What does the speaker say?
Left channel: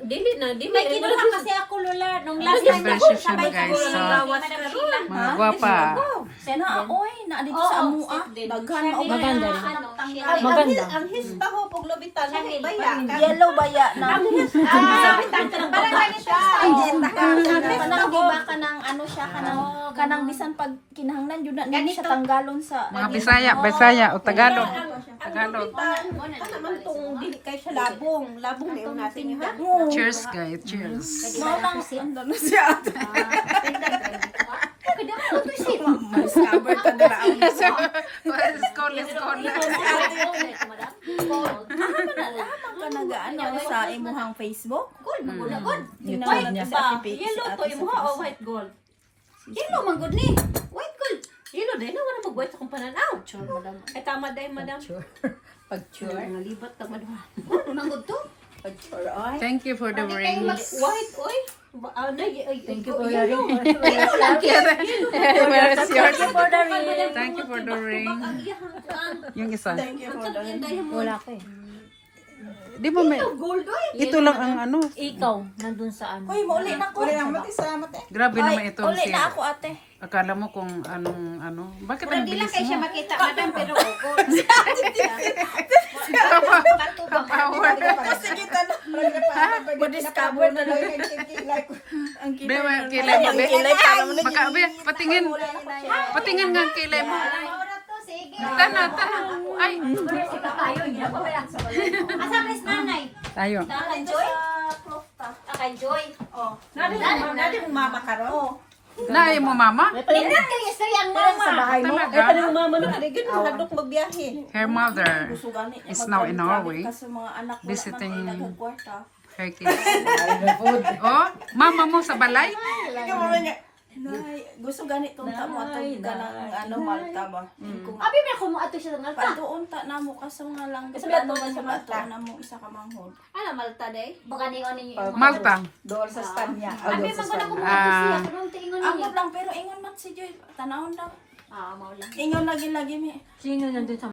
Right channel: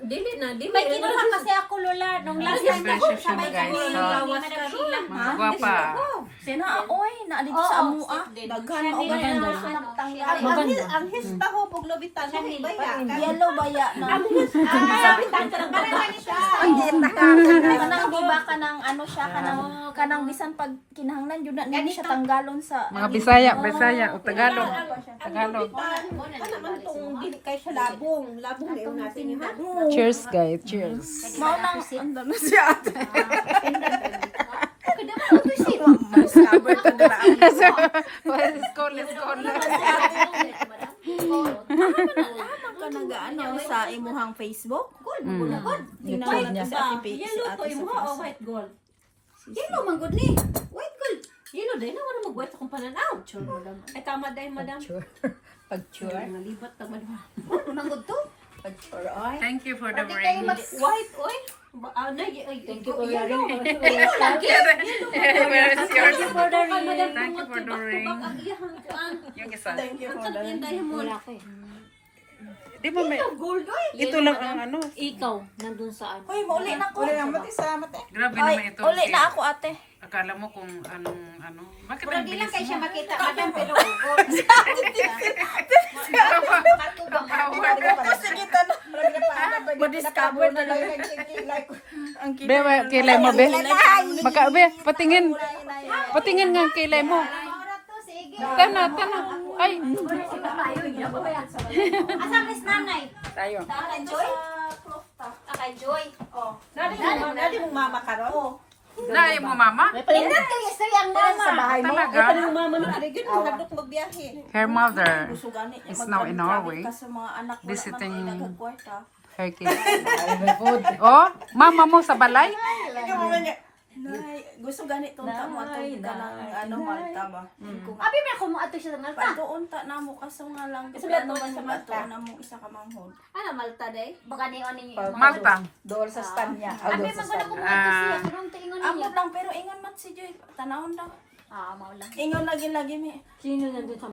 Dili na. May kinuha kasi ako, Lola. Nung last time ako, Impression, sabay guys, kami. so, Managila. mga gwapa. Na, oy, na dito sa amua. Daghan na. Maganda rin. Maganda. Ang hispa ho, pag lubitan, baya. Yellow baya na. Parang lagi siya. Kanang di ba kanang ano siya kanang bisan pag kinahanglan yun na niya siya tanggalon sa Mga Bisaya o Tagalog. Tagalog. Ano naman itong dili kayo sa labong. Labong na yung natin niyo, ha? Cheers, guys. Cheers. mao nang ando na siya. Discover ka na ang Let's go, let's go. Amang ka nagaano sa imuhang Facebook? Gold, magulagod. Tingnan natin sa ate Yellow si to, ate imo sa ha, o Facebook. white gold? Yellow, magod ni. White gold. Yellow din, wala mag-white sa kung pananaw. Ay, tama dahil, madam. Pag-sure. Mga libat na, madam. Magod to. Thank you for the ring. White, oy. Thank you for the ring. Where is yours? For the ring. Thank you for the ring. Yung isa. Wala ko eh. Di ba may... Gold, oy. Ito lang ang ano. Ikaw, nandun sa ano. Uy, mauli na ko. Grabe Ay, naman ito. uli Si- na ako ate. Akala mo kung anong ano. Bakit Pura ang di lang bilis kayo siya mo? makita, madam, pero gold. Power. Sige ta na. Ma-discover na lang ang Bewa, kilay. kilay mo. Kilay pa naman. Baka, be, patingin. Patingin nga ang kilay mo. Ora to, sige. Tana. Ay. Asa kay nanay? Ayun. Kay Joy? Kay Joy. Nadi mong mama karon. Naayo mo, mama? Pindot kay istorya ang mama. Talaga? Ang mama na aligid, mahadok magbiyahe. Her mother Gusto gani niya is now in Norway. Kasi mga anak wala visiting man kayo nagkwarta. her kids. Oh, mama mo sa balay? Nay, gusto gani tunta mo ato ka ng ano Malta ba? Kung Abi na ko mo ato siya ng Malta. patuon ta na mo kaso nga lang kasi Sabi ano naman man sa sa Malta. bato na mo isa ka manghod. Ano Malta day? Baka ni oni. Malta. Abi man ko na ko mo ato siya kung tingon Ako niya. lang pero ingon man si Joy. Tanawon lang. Mao lang. Ingon lagi mi. Sino nandun sa